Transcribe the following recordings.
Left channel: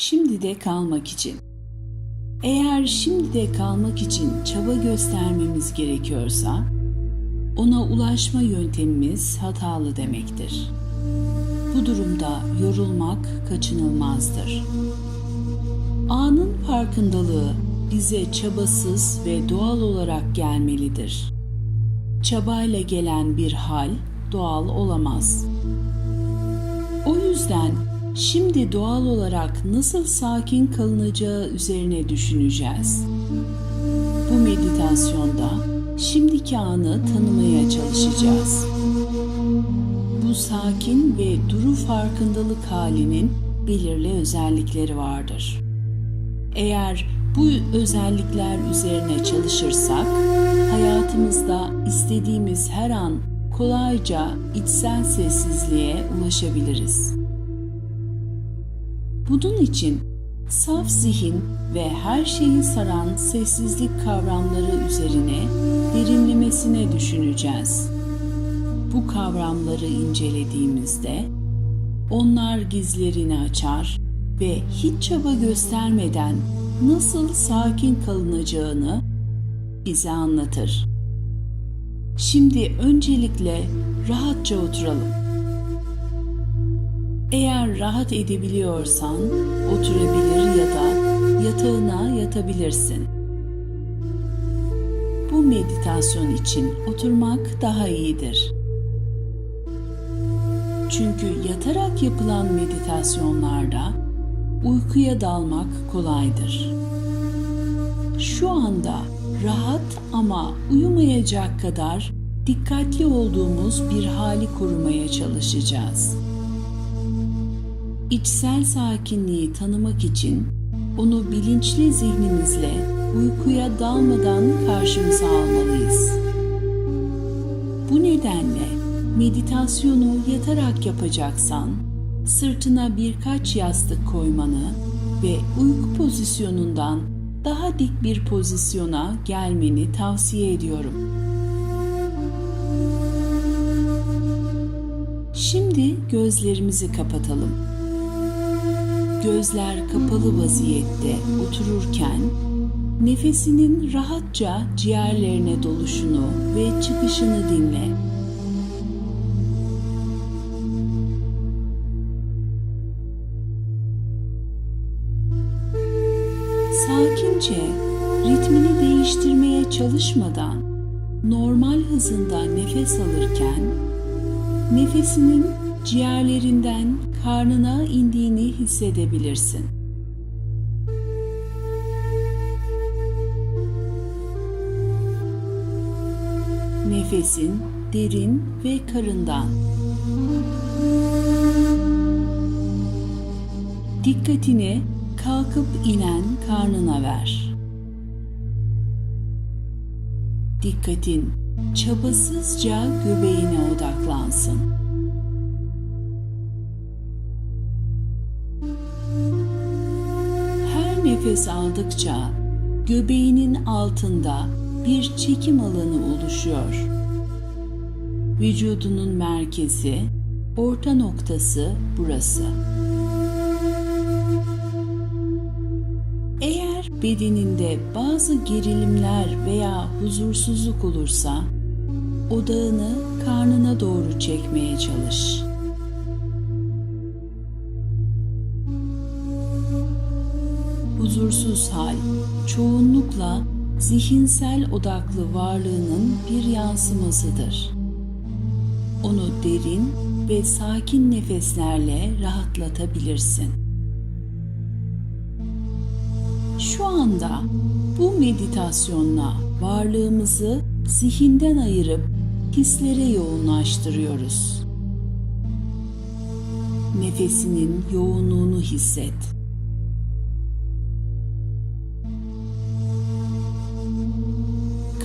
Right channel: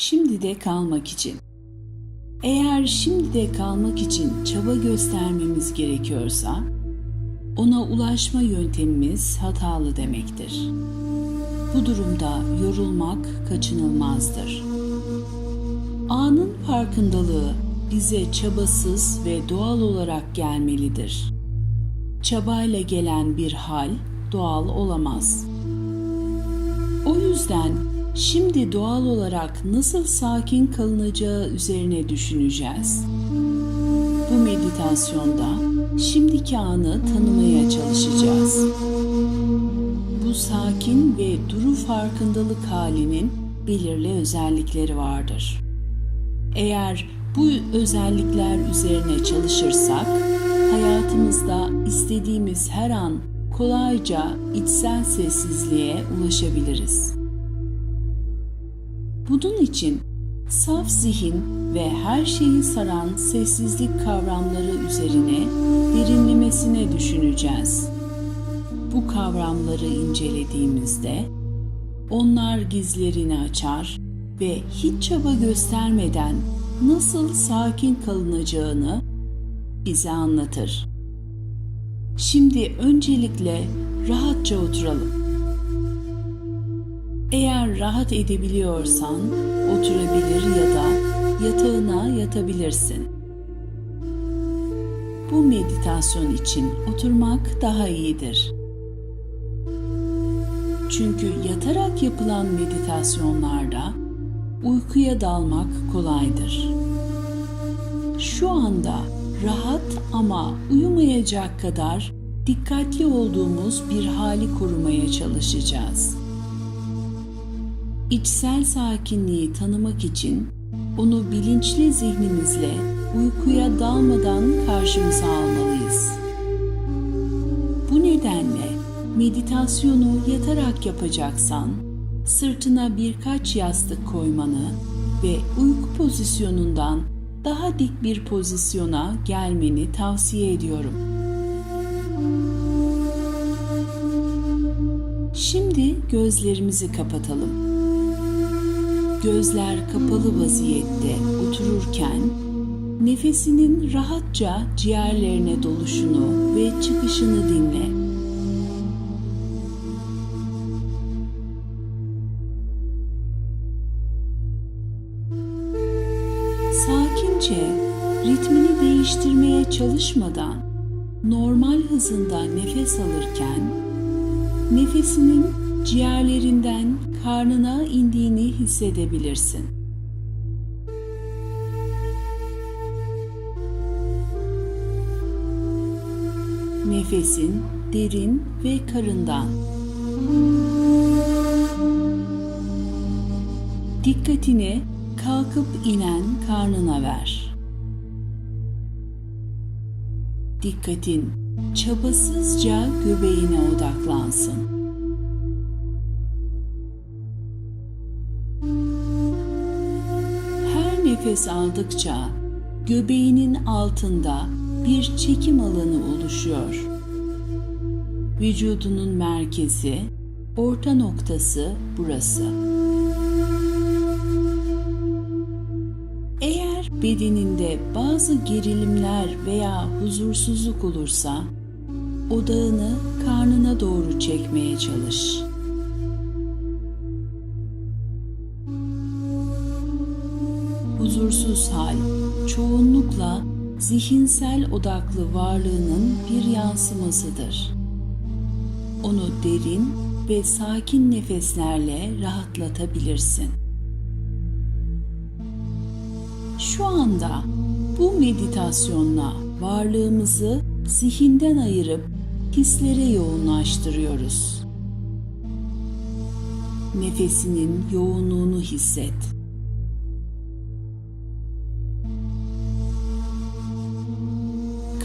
Şimdi de kalmak için. Eğer şimdi de kalmak için çaba göstermemiz gerekiyorsa, ona ulaşma yöntemimiz hatalı demektir. Bu durumda yorulmak kaçınılmazdır. Anın farkındalığı bize çabasız ve doğal olarak gelmelidir. Çabayla gelen bir hal doğal olamaz. O yüzden şimdi doğal olarak nasıl sakin kalınacağı üzerine düşüneceğiz. Bu meditasyonda şimdiki anı tanımaya çalışacağız. Bu sakin ve duru farkındalık halinin belirli özellikleri vardır. Eğer bu özellikler üzerine çalışırsak hayatımızda istediğimiz her an kolayca içsel sessizliğe ulaşabiliriz. Bunun için saf zihin ve her şeyi saran sessizlik kavramları üzerine derinlemesine düşüneceğiz. Bu kavramları incelediğimizde onlar gizlerini açar ve hiç çaba göstermeden nasıl sakin kalınacağını bize anlatır. Şimdi öncelikle rahatça oturalım. Eğer rahat edebiliyorsan oturabilir ya da yatağına yatabilirsin. Bu meditasyon için oturmak daha iyidir. Çünkü yatarak yapılan meditasyonlarda uykuya dalmak kolaydır. Şu anda rahat ama uyumayacak kadar dikkatli olduğumuz bir hali korumaya çalışacağız. İçsel sakinliği tanımak için onu bilinçli zihnimizle uykuya dalmadan karşımıza almalıyız. Bu nedenle meditasyonu yatarak yapacaksan sırtına birkaç yastık koymanı ve uyku pozisyonundan daha dik bir pozisyona gelmeni tavsiye ediyorum. Şimdi gözlerimizi kapatalım. Gözler kapalı vaziyette otururken nefesinin rahatça ciğerlerine doluşunu ve çıkışını dinle. Sakince ritmini değiştirmeye çalışmadan normal hızında nefes alırken nefesinin ciğerlerinden karnına indiğini hissedebilirsin. Nefesin derin ve karından. Dikkatini kalkıp inen karnına ver. Dikkatin çabasızca göbeğine odaklansın. Nefes aldıkça göbeğinin altında bir çekim alanı oluşuyor. Vücudunun merkezi, orta noktası burası. Eğer bedeninde bazı gerilimler veya huzursuzluk olursa odağını karnına doğru çekmeye çalış. Huzursuz hal çoğunlukla zihinsel odaklı varlığının bir yansımasıdır. Onu derin ve sakin nefeslerle rahatlatabilirsin. Şu anda bu meditasyonla varlığımızı zihinden ayırıp hislere yoğunlaştırıyoruz. Nefesinin yoğunluğunu hisset.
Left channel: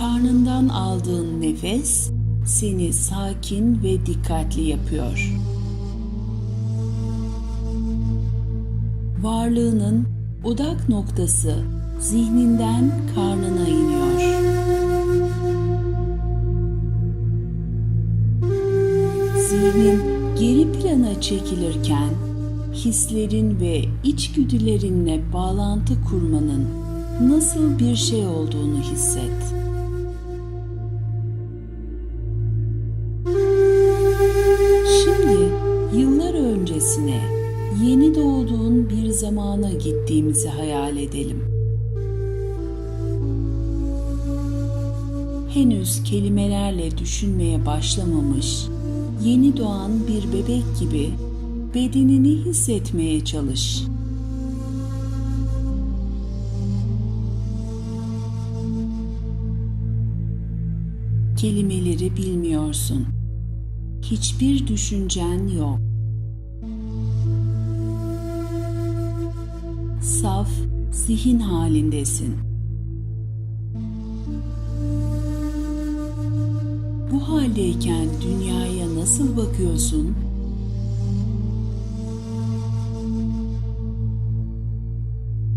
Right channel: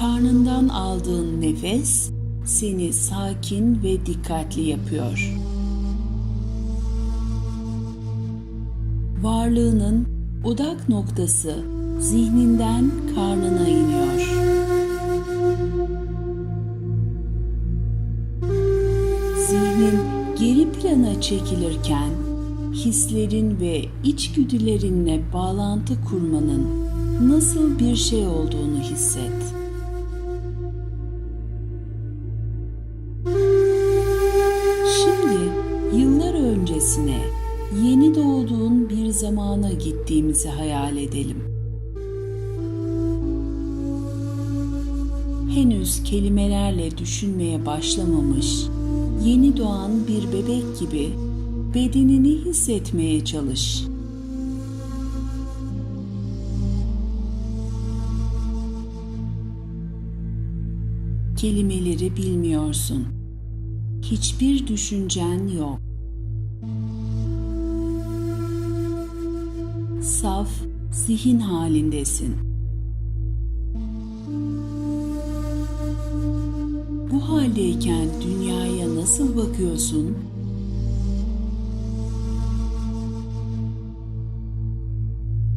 Karnından aldığın nefes seni sakin ve dikkatli yapıyor. Varlığının odak noktası zihninden karnına iniyor. Zihnin geri plana çekilirken hislerin ve içgüdülerinle bağlantı kurmanın nasıl bir şey olduğunu hisset. Öncesine yeni doğduğun bir zamana gittiğimizi hayal edelim. Henüz kelimelerle düşünmeye başlamamış, yeni doğan bir bebek gibi bedenini hissetmeye çalış. Kelimeleri bilmiyorsun. Hiçbir düşüncen yok. Saf zihin halindesin. Bu haldeyken dünyaya nasıl bakıyorsun?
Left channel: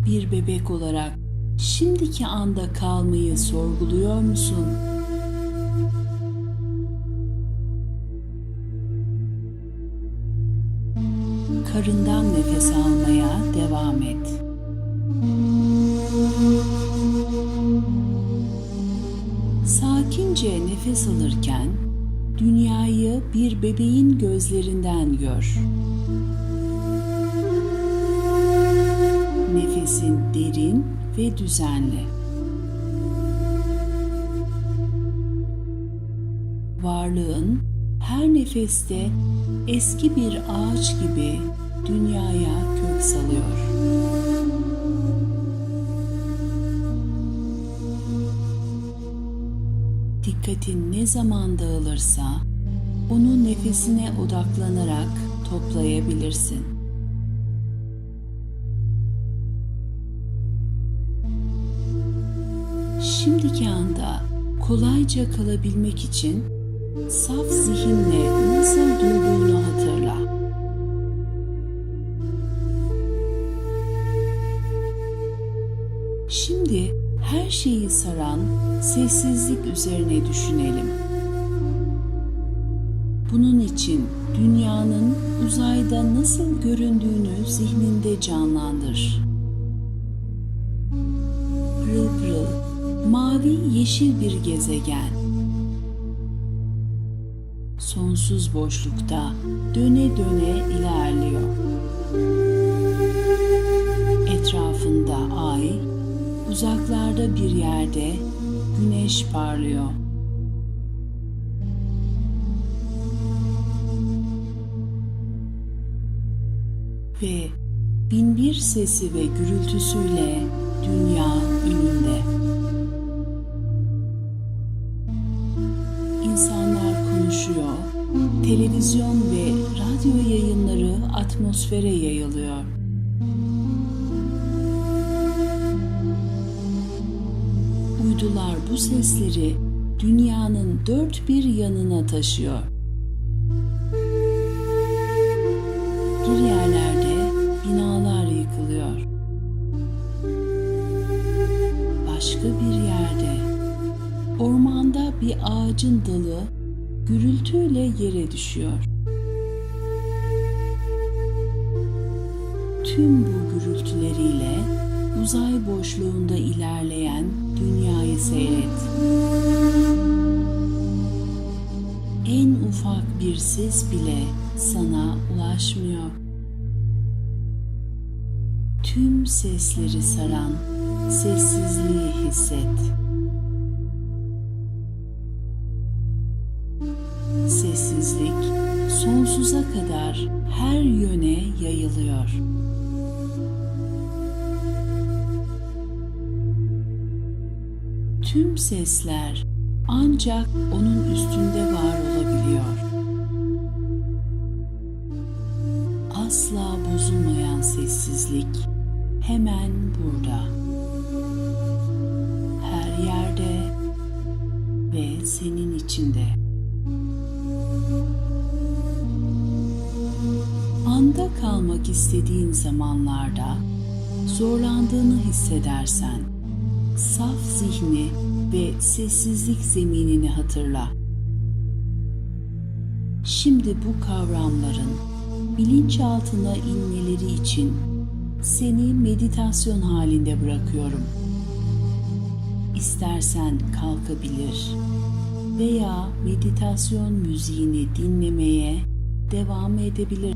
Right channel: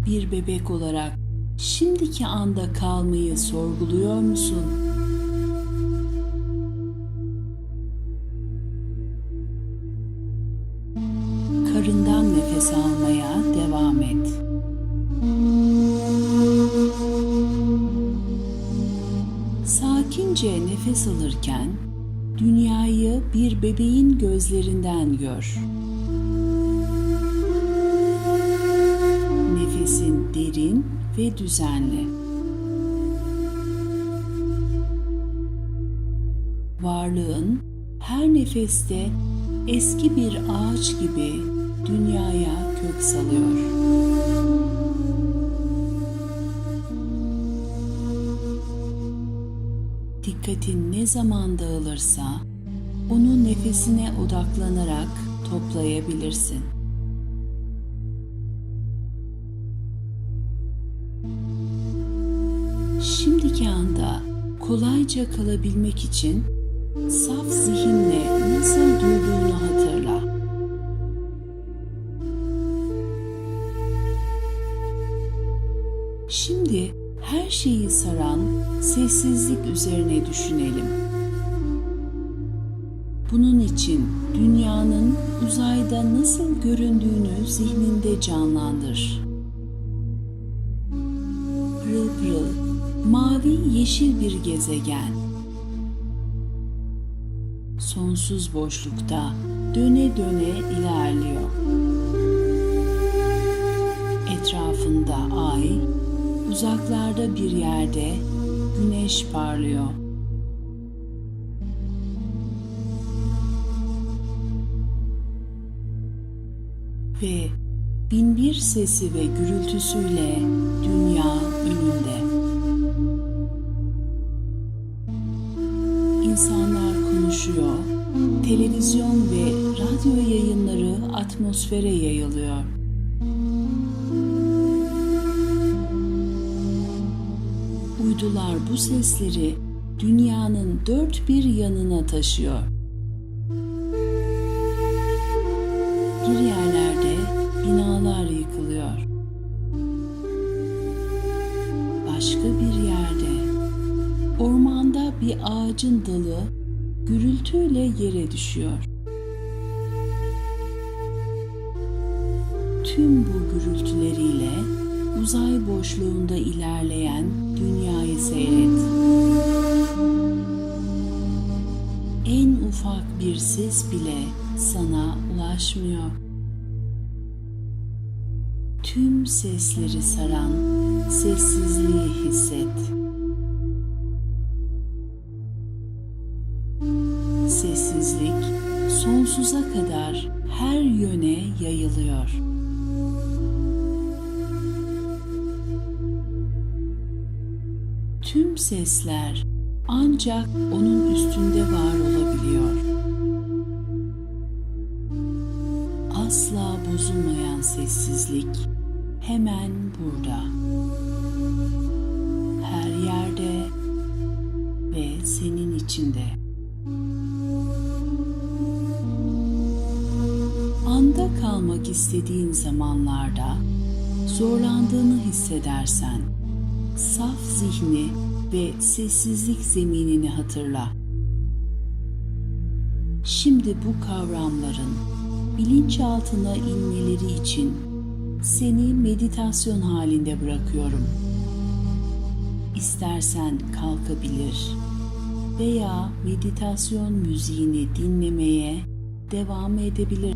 Bir bebek olarak şimdiki anda kalmayı sorguluyor musun? Alırken dünyayı bir bebeğin gözlerinden gör. Nefesin derin ve düzenli. Varlığın her nefeste eski bir ağaç gibi dünyaya kök salıyor. Dikkatin ne zaman dağılırsa onu nefesine odaklanarak toplayabilirsin. Şimdiki anda kolayca kalabilmek için saf zihinle nasıl durduğunu hatırla. Şimdi her şeyi saran sessizlik üzerine düşünelim. Bunun için dünyanın uzayda nasıl göründüğünü zihninde canlandır. Pırıl pırıl, mavi yeşil bir gezegen. Sonsuz boşlukta döne döne ilerliyor. Etrafında ay, uzaklarda bir yerde güneş parlıyor. Ve binbir sesi ve gürültüsüyle dünya önünde. İnsanlar konuşuyor, televizyon ve radyo yayınları atmosfere yayılıyor. Uydular bu sesleri dünyanın dört bir yanına taşıyor. Bir yerlerde binalar yıkılıyor. Başka bir yerde ormanda bir ağacın dalı gürültüyle yere düşüyor. Tüm bu gürültüleriyle uzay boşluğunda ilerleyen dünyayı seyret. En ufak bir ses bile sana ulaşmıyor. Tüm sesleri saran sessizliği hisset. Sessizlik sonsuza kadar her yöne yayılıyor. Tüm sesler ancak onun üstünde var olabiliyor. Asla bozulmayan sessizlik hemen burada. Her yerde ve senin içinde. Anda kalmak istediğin zamanlarda zorlandığını hissedersen saf zihni ve sessizlik zeminini hatırla. Şimdi bu kavramların bilinçaltına inmeleri için seni meditasyon halinde bırakıyorum. İstersen kalkabilir veya meditasyon müziğini dinlemeye devam edebilir.